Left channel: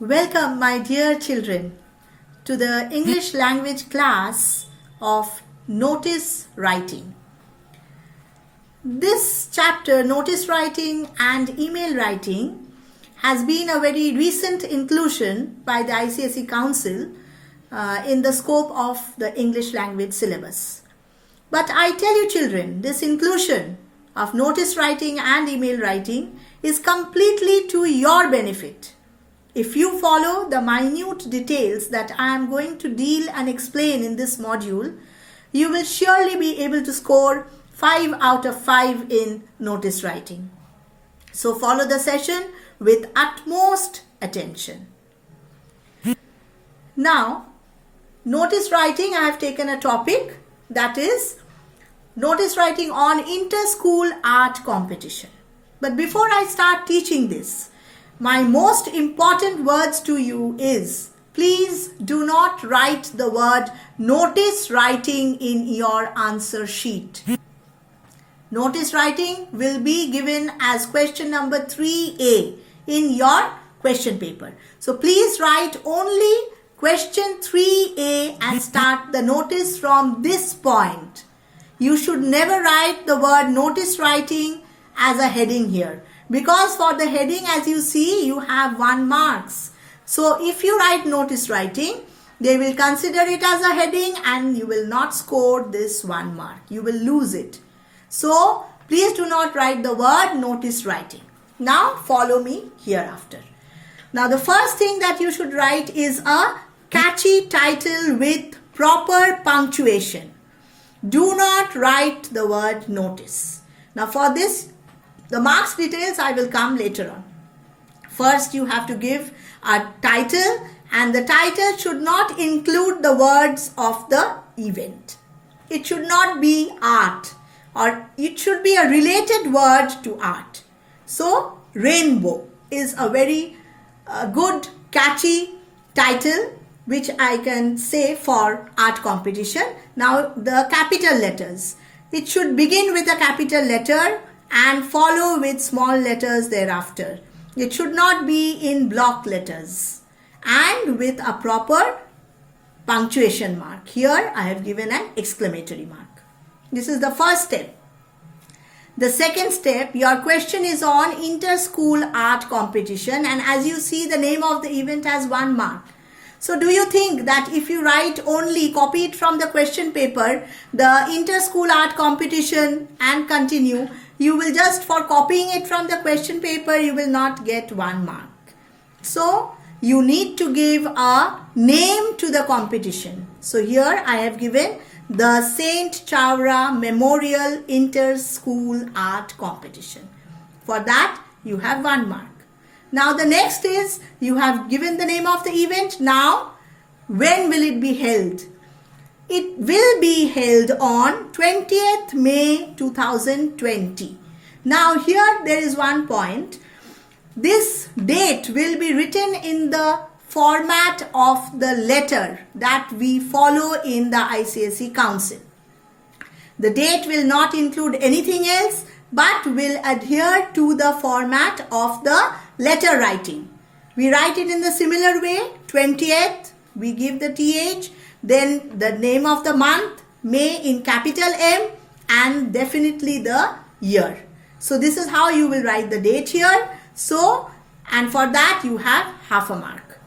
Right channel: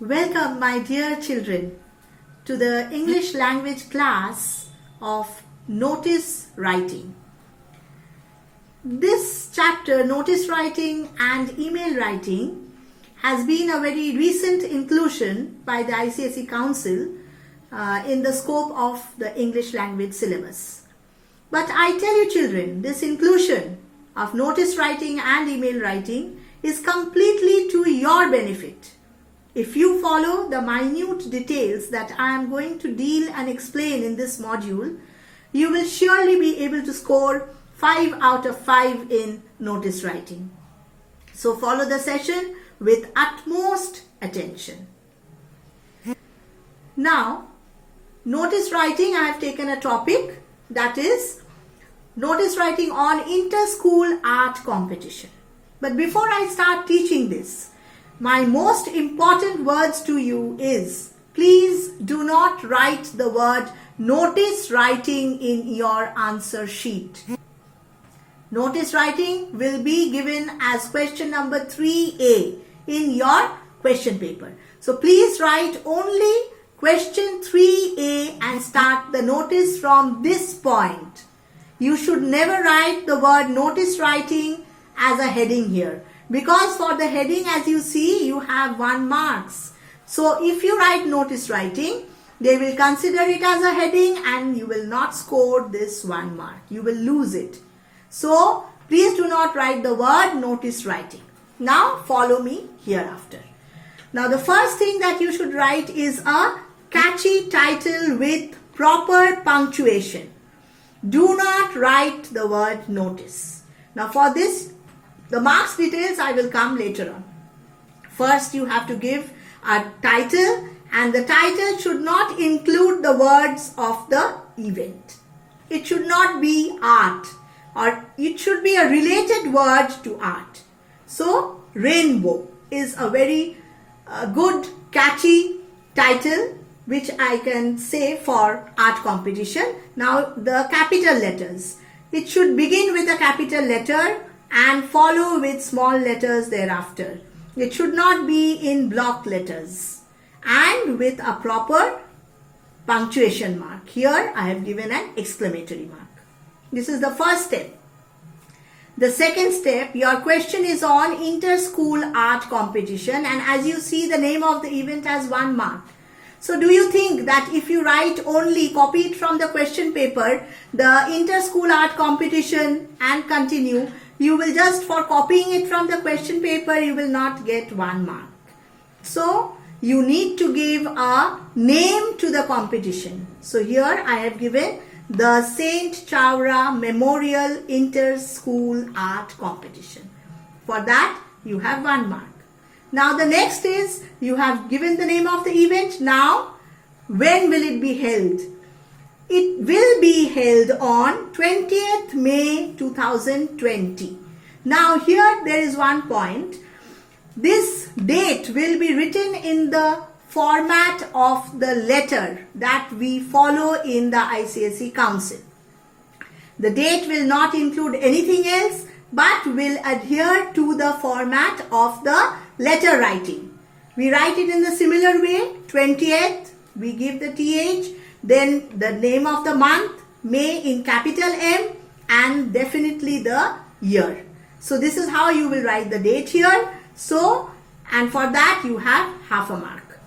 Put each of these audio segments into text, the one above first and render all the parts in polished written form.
Welcome, my dear children, to the English language class of notice writing. This chapter, notice writing and email writing, has been a very recent inclusion by the ICSE Council in the scope of the English language syllabus. But I tell you children, this inclusion of notice writing and email writing is completely to your benefit. If you follow the minute details that I am going to deal and explain in this module, you will surely be able to score 5 out of 5 in notice writing. So follow the session with utmost attention. Now, notice writing, I have taken a topic, that is notice writing on inter-school art competition. But before I start teaching this, my most important words to you is, please do not write the word notice writing in your answer sheet. Notice writing will be given as question number 3A in your question paper. So please write only question 3A and start the notice from this point. You should never write the word notice writing as a heading here. Because for the heading, as you see, you have 1 marks. So if you write notice writing, they will consider it as a heading and you will not score this 1 mark. You will lose it. So please do not write the word notice writing. Now follow me hereafter. Now the first thing that you should write is a catchy title with proper punctuation. Do not write the word notice. Now for this, the marks details I will come later on. First you have to give a title, and the title should not include the words of the event. It should not be art, or it should be a related word to art. So rainbow is a very good catchy title which I can say for art competition. Now the capital letters. It should begin with a capital letter and follow with small letters thereafter. It should not be in block letters and with a proper punctuation mark. Here I have given an exclamatory mark. This is the first step. The second step, your question is on inter-school art competition, and as you see, the name of the event has 1 mark. So do you think that if you write only, copy it from the question paper, the inter-school art competition and continue, you will just, for copying it from the question paper, you will not get 1 mark. So you need to give a name to the competition. So here I have given the Saint Chowra Memorial Inter-School Art Competition. For that you have 1 mark. Now the next is, you have given the name of the event. Now when will it be held? It will be held on 20th May 2020. Now here there is one point. This date will be written in the format of the letter that we follow in the ICSE Council. The date will not include anything else but will adhere to the format of the letter writing. We write it in the similar way. 20th, we give the TH, then the name of the month, May in capital M, and definitely the year. So this is how you will write the date here. So, and for that you have half a mark.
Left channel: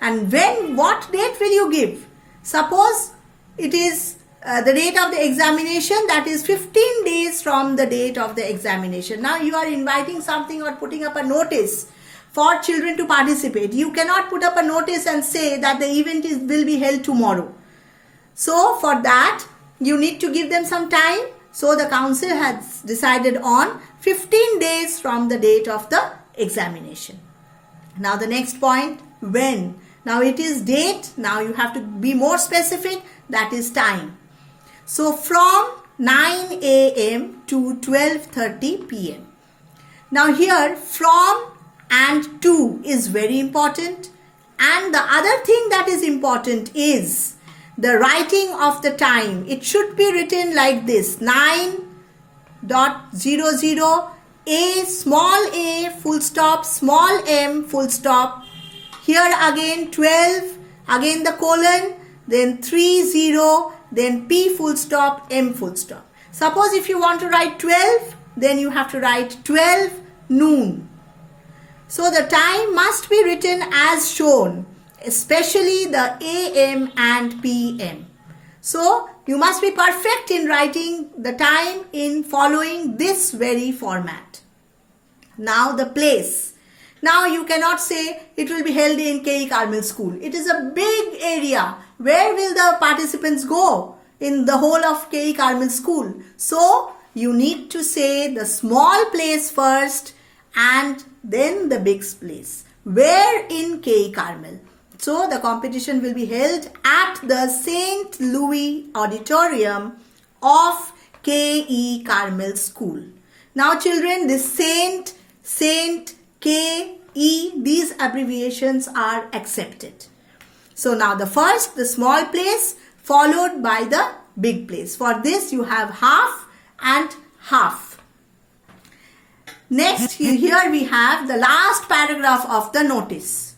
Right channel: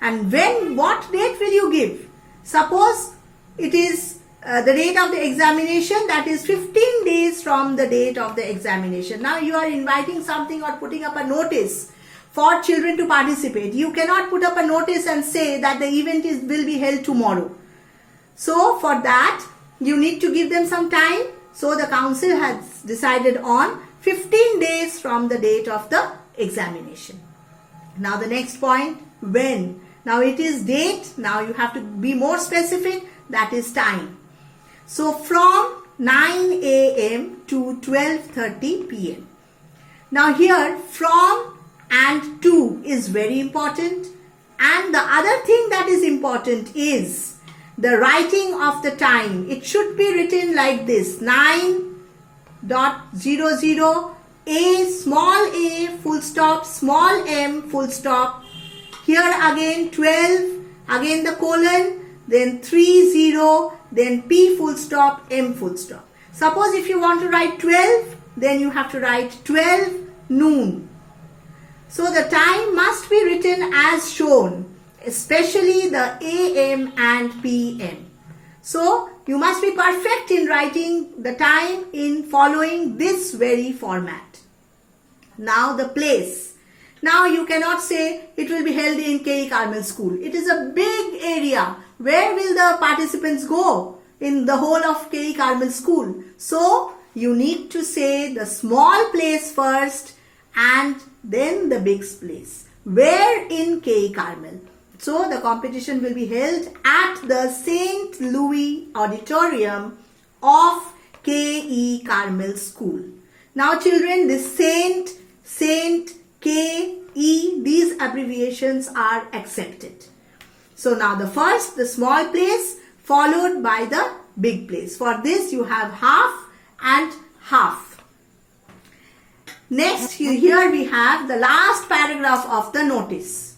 And what date will you give? Suppose it is the date of the examination, that is 15 days from the date of the examination. Now you are inviting something or putting up a notice for children to participate. You cannot put up a notice and say that the event will be held tomorrow. So for that you need to give them some time. So the council has decided on 15 days from the date of the examination. Now the next point, when? Now it is date. Now you have to be more specific, that is time. So from 9 a.m. to 12:30 p.m. Now here from and to is very important, and the other thing that is important is the writing of the time. It should be written like this: 9.00 a, small a, full stop, small m, full stop, Here again 12, again the colon, then 30, then P full stop, M full stop. Suppose if you want to write 12, then you have to write 12 noon. So the time must be written as shown, especially the AM and PM. So you must be perfect in writing the time in following this very format. Now the place. Now you cannot say it will be held in K.E. Carmel School. It is a big area. Where will the participants go in the whole of K.E. Carmel School? So you need to say the small place first and then the big place. Where in K.E. Carmel? So the competition will be held at the St. Louis Auditorium of K.E. Carmel School. Now children, this Saint, K.E., these abbreviations are accepted. So now the first, the small place, followed by the big place. For this you have half and half. Next, here we have the last paragraph of the notice.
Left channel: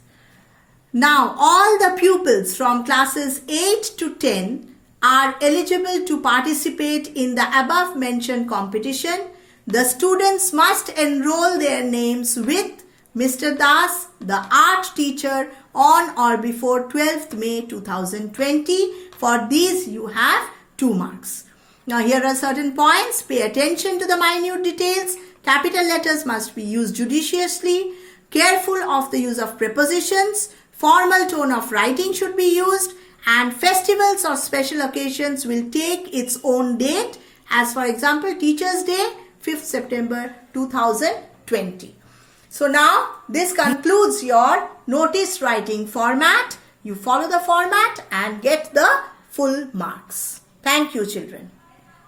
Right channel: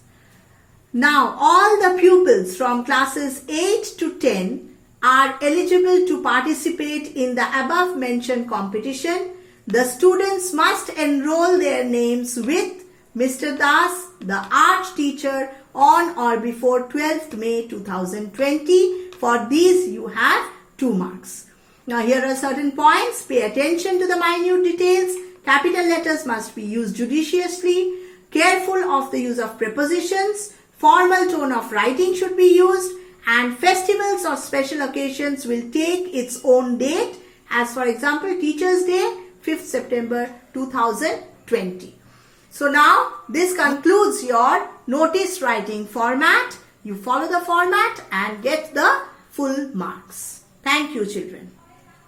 Now all the pupils from classes 8 to 10 are eligible to participate in the above mentioned competition. The students must enroll their names with Mr. Das, the art teacher, on or before 12th May 2020. For these you have 2 marks. Now here are certain points. Pay attention to the minute details. Capital letters must be used judiciously. Careful of the use of prepositions. Formal tone of writing should be used. And festivals or special occasions will take its own date. As for example, Teachers' Day, 5th September 2020. So now this concludes your notice writing format. You follow the format and get the full marks. Thank you, children.